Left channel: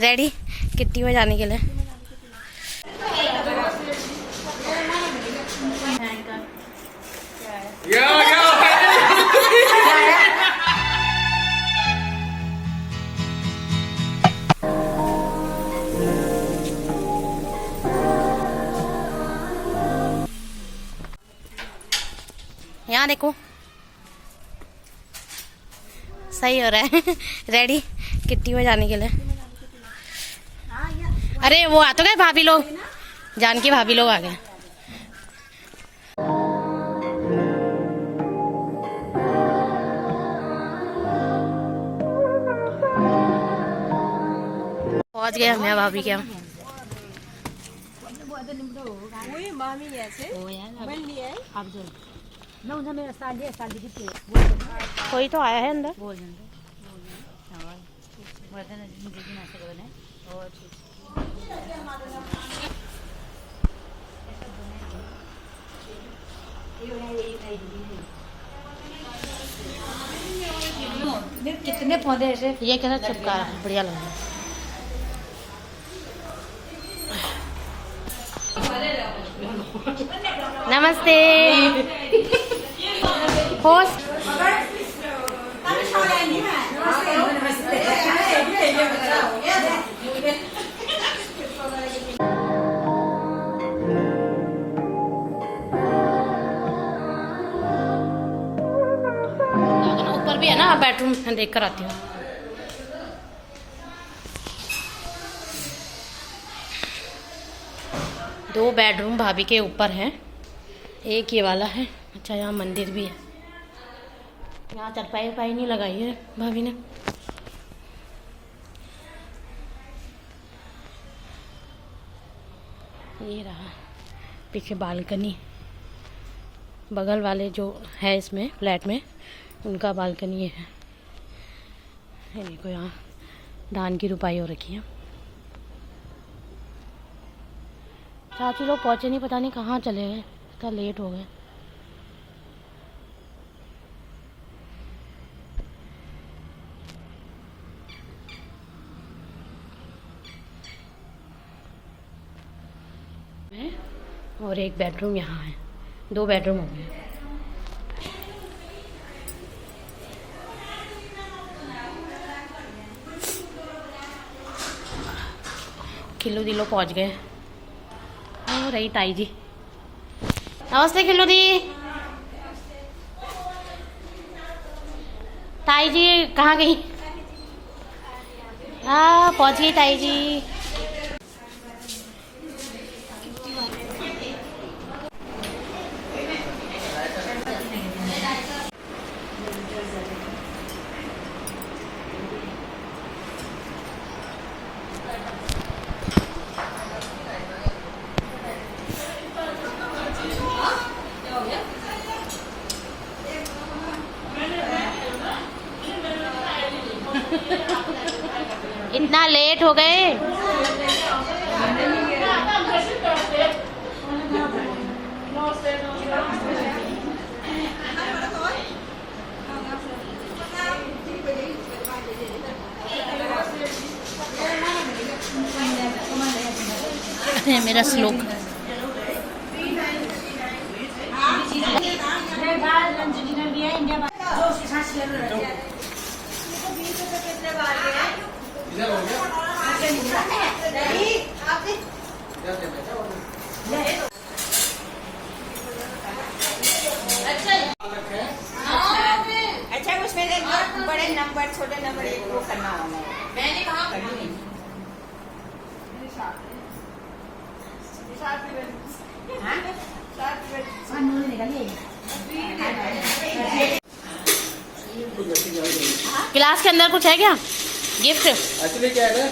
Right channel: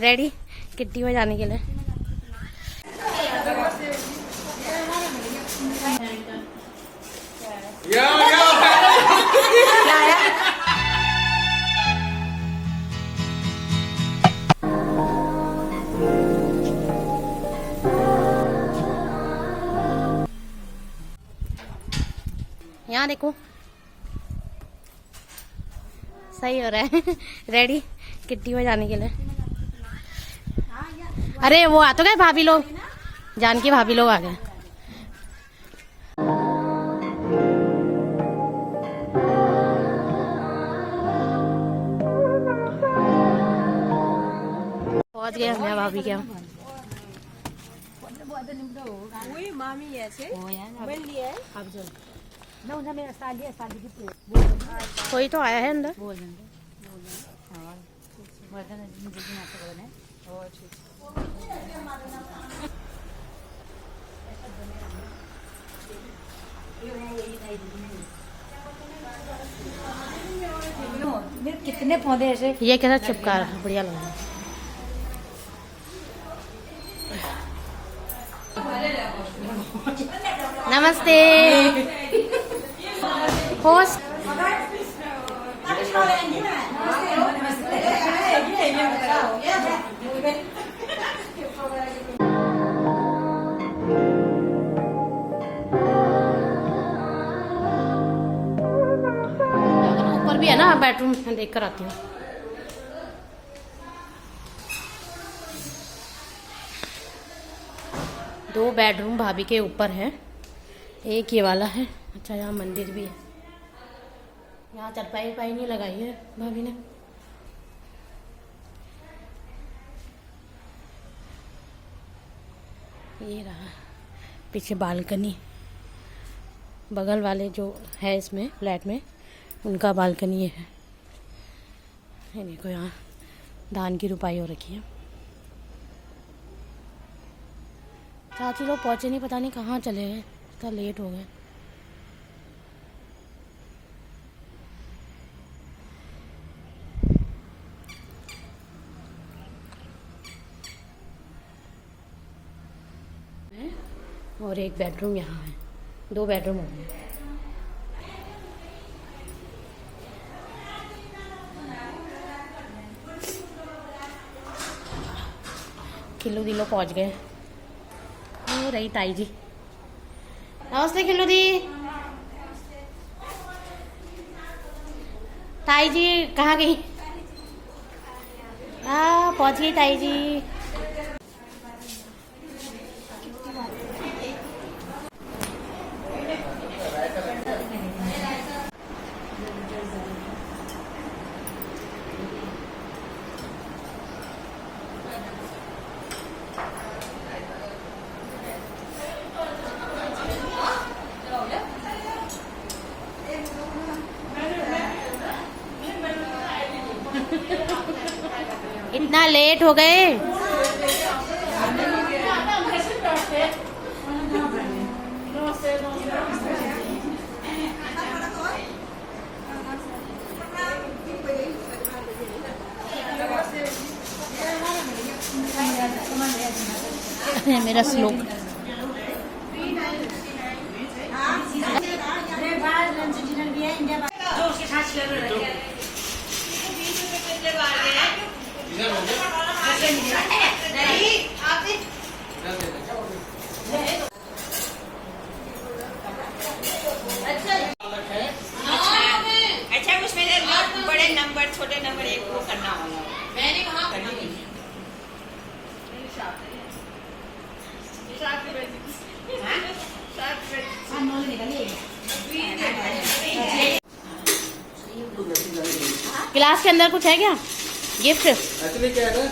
Ready kitty में जाने के लिए। यहाँ देखो सही हो रहा है। रेडी किट्टी में जाने के लिए। अरे वो आ तो गए भाभी लोग, जान की भाभी लोग आ गए। पहुंच गए हम यहाँ भाभी के यहाँ। कोई तो आया है अंदर। कितने पौधे ऐसे ये कैसा चिपका है, बढ़िया लग रहा है। नमस्ते होस्ट। ऊपर भी है ना बेडरूम, मैं देख कर आती हूँ। दो बेडरूम भाभी के ऊपर है, एक ये वाला है। अच्छा यहाँ मंदिर भी है। यहाँ चरपाई पाई नहीं लगाई है भाभी ने। ये रहा पीछे बालकनी। बगल वाले जो है इसमें फ्लैट में, उनका बालकनी है। ये देखो यहाँ धान की रुपाई हो रखी है। चाची लोग पहुँचे नहीं, पता नहीं कहाँ चले गए, इतना लेट हो गए। और एक बेडरूम यहाँ है, दो बेडरूम हो गए। खिल्लू दी लोग पहुँच गए। हो रही ताई जी। नमस्ते खिल्लू दी। ताई जी कहाँ गई? हाँ पहुँच गई ताई जी। इतना लेट हो गए। मेरा श्लोक अच्छा उसमें बड़े नंबर छोटे नंबर एक वो करना होगा। मैंने कहा क्लास के अंदर कुछ है क्या गिफ्ट? एक्चुअली क्या है,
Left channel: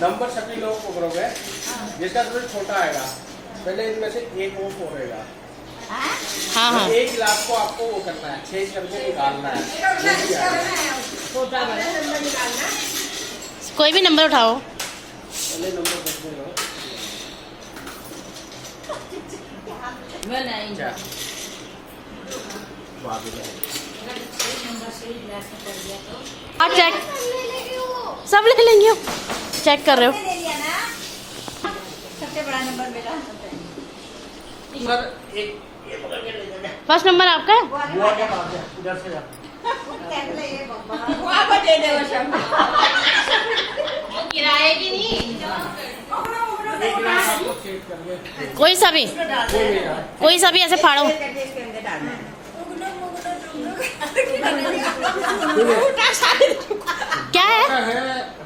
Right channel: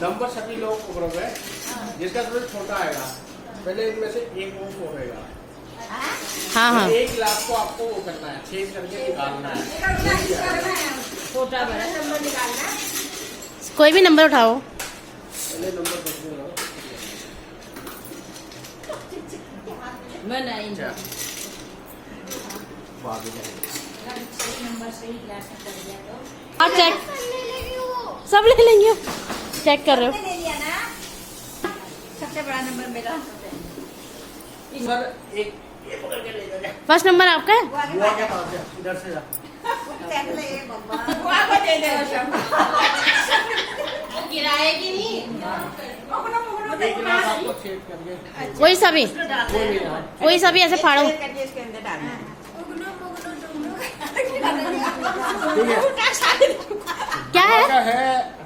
नंबर सभी लोगों को करोगे, जिसका थोड़ा छोटा आएगा पहले इनमें से एक वो होगा। हाँ हाँ। एक क्लास को आपको वो करना है, 6 करके निकालना है। छोटा बड़ा नंबर निकालना। कोई भी नंबर उठाओ। पहले नंबर बदलो। मैं नहीं क्या? चेक सब ले लेंगे। चेक कर रहे हो? ले लिया ना, सबसे बड़ा नंबर मेरा। सर एक ये पकड़ के ले जाओ। फर्स्ट नंबर आपका है? बुआ के पास है, इधर से जा। बुआ को दे दे बस अब। किराए की नहीं। एक गिलास आपको सेट करके कोई सा भी, कोई भी ना। कोई सा भी ऐसे फाड़ो। करके इसके अंदर डालना है। क्या है? आपका है,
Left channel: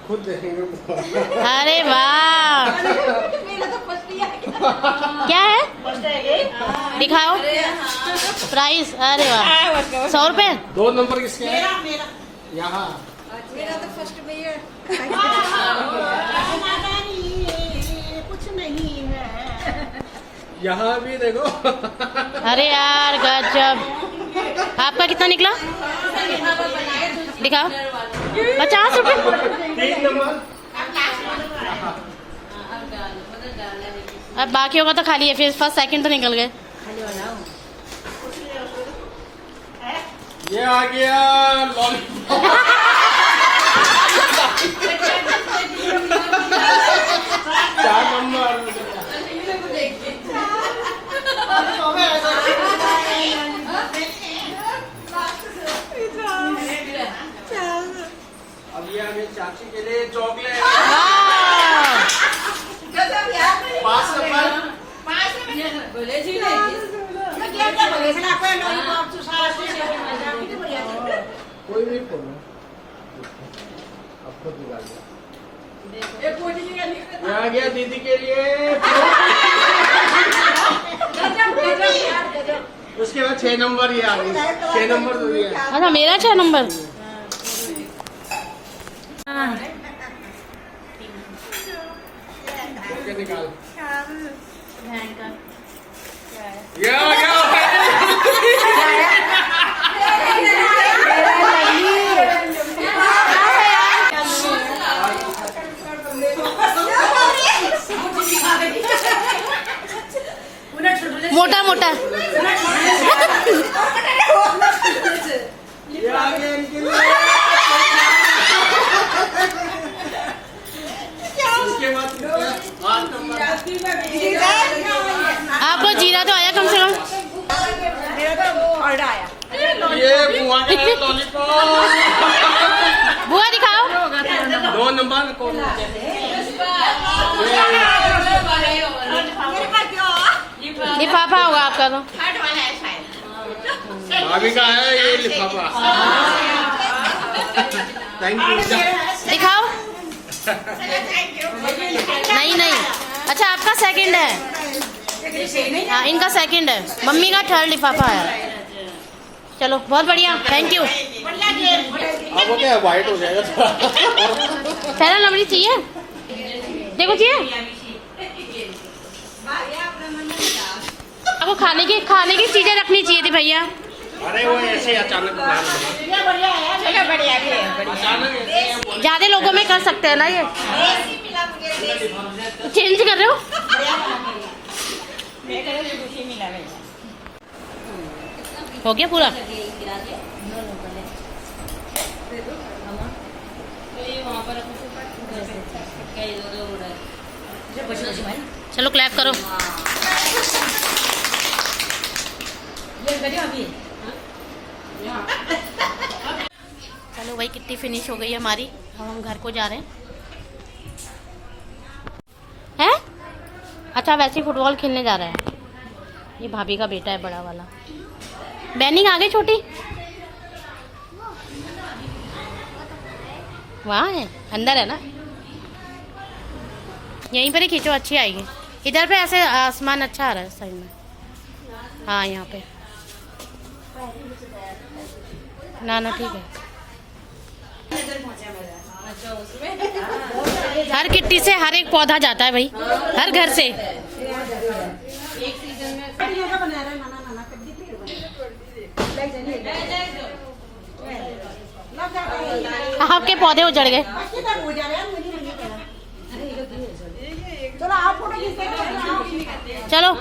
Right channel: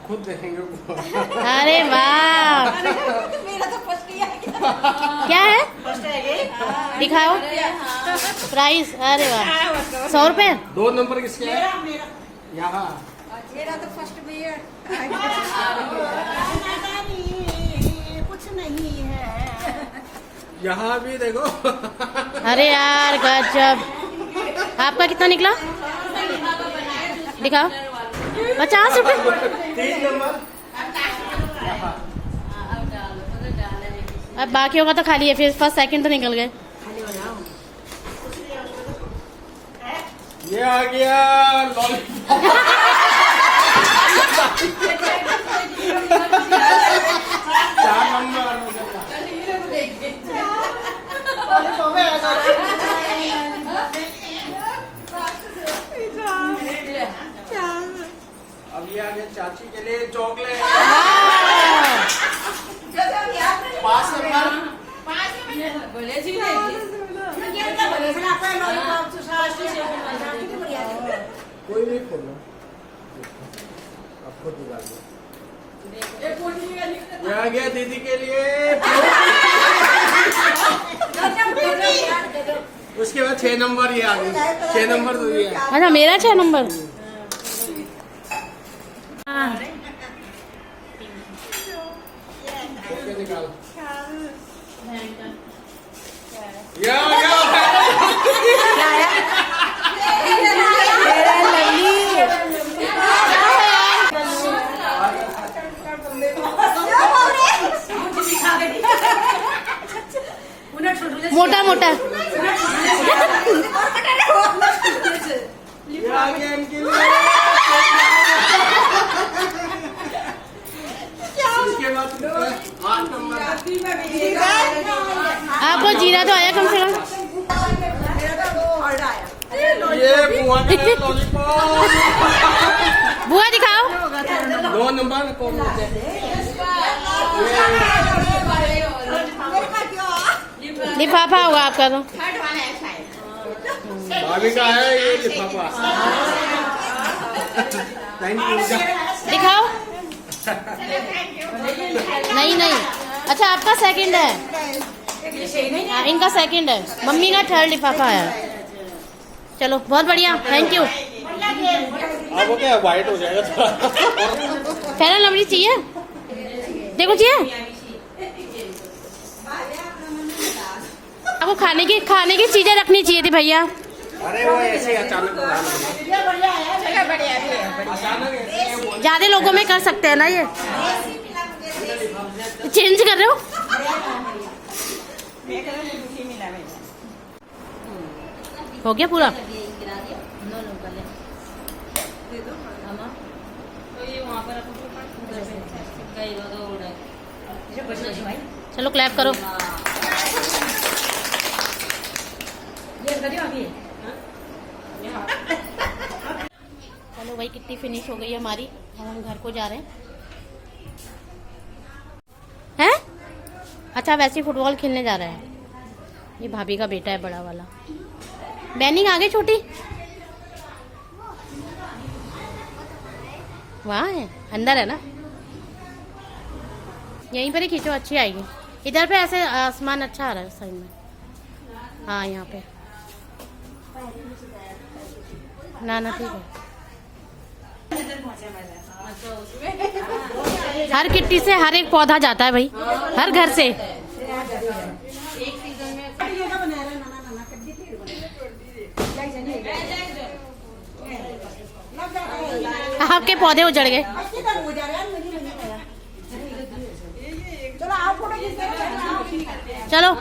खुद देखेंगे। अरे वाह, मेरा तो फर्स्ट ही आ गया। क्या है? फर्स्ट है ये। दिखाओ प्राइस। अरे वाह, 100 रुपए। 2 नंबर किसके है? मेरा यहाँ। मेरा तो फर्स्ट में ही है। कुछ नहीं है। यहाँ भी देखो। अरे यार गजब। आपका कितना निकला? दिखाओ। 50 रुपए। 3 नंबर। अब बाकी होगा तो खाली है, फिर फर्स्ट सेकंड तो निकल गए। ये आ गया लॉलीपॉप। चार नंबर। अब ये आ गया चाची के लिए चॉकलेट। वाह, 5 नंबर। कोई नहीं खोलना, अब खुद निकाल दिया। ये आ गया दीदी के लिए। उसके बाद 6 नंबर ये आ गई। 6 नंबर दूरी है। अच्छा मेरा 6 नंबर। ओके निकाल। ये आ गया। मोटा मोटा। ये आ गया इनके लिए। इसके बाद 8 नंबर। आपको जीरा तो आया कम से कम। ये बुआ के लिए लॉलीपॉप। बुआ दिखाओ। 2 नंबर कौन होते हैं? लिफाफा होगा आपका तो। थर्ड वाला है शायद। भाभी का है ये लिफाफा। Thank you. दिखाओ। Thank you. नहीं नहीं, अच्छा आपका सेकंड है। हाँ इनका सेकंड है, मम्मी का थर्ड लिफाफा है। चलो बहुत बढ़िया, थैंक यू। अब वो क्या व्हाइट हो जाएगा थोड़ा। पहला लवली चाहिए, देखो चाहिए आपको। खाने की चीजें रखनी चाहिए थी भैया। अरे वो ऐसे अचानक बढ़िया है। अचानक ऐसे ज्यादा लोगों में कर सकते हैं ना ये। चेंज कर रहे हो? हो गया पूरा? चलो क्लैप करो। चलो भाई कितनी फिनिश हो गई हमारी। अब हम घर को जा रहे हैं। अच्छा वैसे ही फुटबॉल खेलने जा रहे हैं। ये भाभी का बेटा है बड़ा वाला। बैनिंग आ गई छोटी, वहाँ है अंदर है ना, यहीं पर ही खींचो अच्छी आएगी। इधर पे ऐसे आसमान अच्छा आ रहा है साइड में। हाँ यहाँ पे ना ठीक है। हर किट्टी से हर एक पौधा जाता है भाई, हर घर से। आपके पौधे उजड़ गए। चलो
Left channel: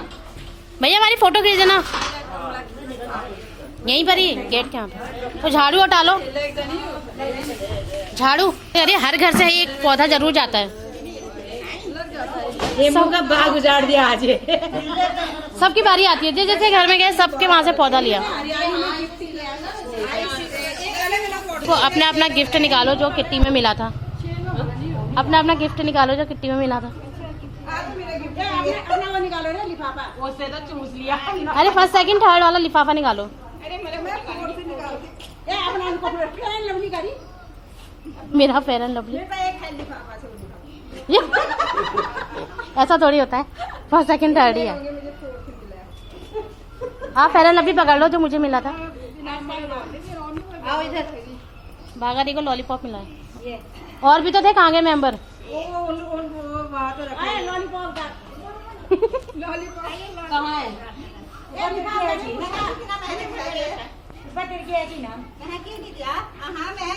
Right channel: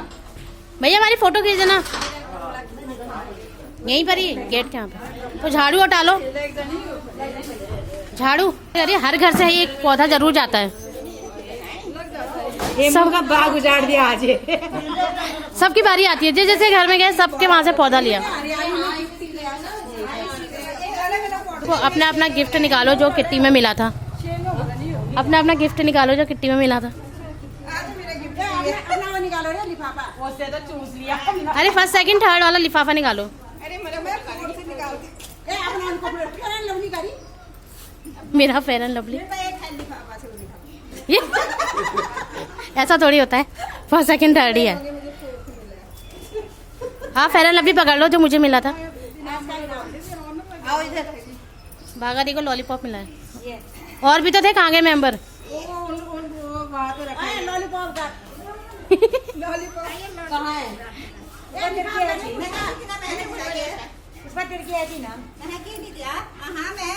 भैया हमारी फोटो खींच देना यहीं पर ही गेट के यहाँ पे। तो झाड़ू हटा लो, झाड़ू। अरे हर घर से एक पौधा जरूर जाता है। हेमू का बाग उजाड़ दिया आज। सबकी बारी आती है, जैसे घर में गए सबके वहाँ से पौधा लिया। तो अपना अपना गिफ्ट निकालो जो किट्टी में मिला था। अपना अपना गिफ्ट निकालो जो किट्टी में मिला था। अरे फर्स्ट सेकंड थर्ड वाला लिफाफा निकालो। मेरा फेयर एंड लवली। ये ऐसा थोड़ी होता है, फर्स्ट सेकंड थर्ड ही है। हाँ फेयर एंड लवली पकड़ लो जो मुझे मिला था। भागारी को लॉलीपॉप मिला है। और भी तो थे, कहाँ गए मेंबर?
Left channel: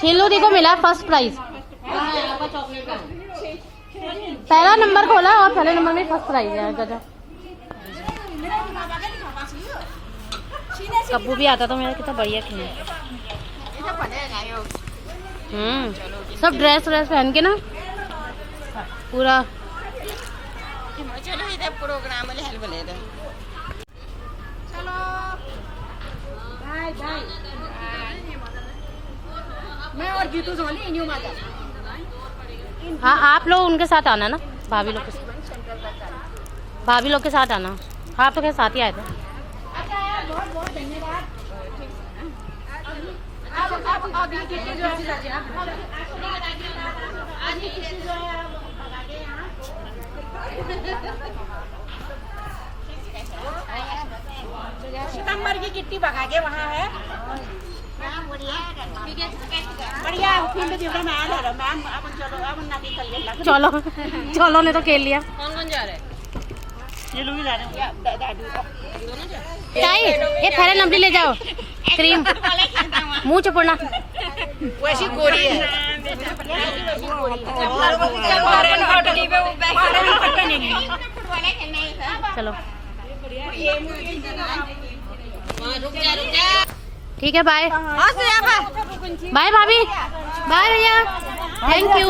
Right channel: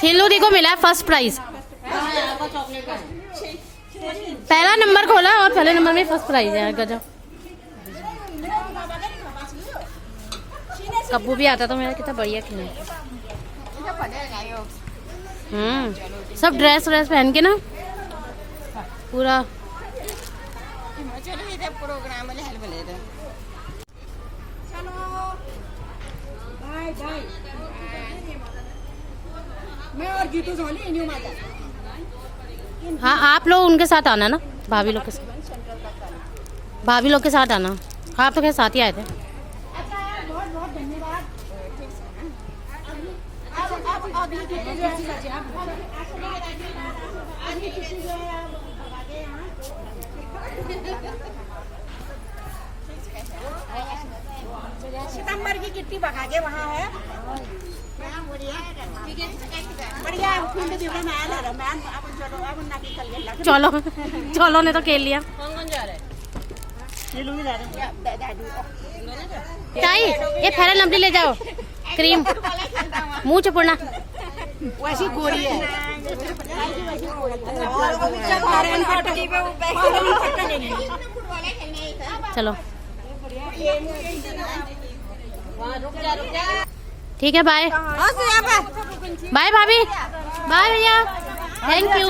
खेलू दी को मिला फर्स्ट प्राइज। पहला नंबर खोला और पहले नंबर में फर्स्ट प्राइज है। गजब। कब्बू भी आता तो मेरा कितना बढ़िया खेल। सब ड्रेस व्रेस पहन के ना पूरा। प्रोग्राम मैं और जीतू सोनी इन्हीं माता। हाँ आप लोग उनके साथ आना ना, भाभी लोग के साथ। भाभी लोग के साथ आना। आप तो के साथ ही आए थे। अच्छा बहुत बहुत धन्यवाद। अब अभी कितनी जो है अभी कितनी जो है सितंबर की किट्टी भगा के वहाँ है। बढ़िया चलो चलो ने तो खेल लिया। कौन जा रहे हैं? ये लोग जा रहे हैं। चाय ये फेयर लवली ले जाओ। क्रीम मुंह चुपड़ना। वैसी गोरी है। चलो ठीक है, बाय बाय भाभी, बाय भैया, थैंक यू।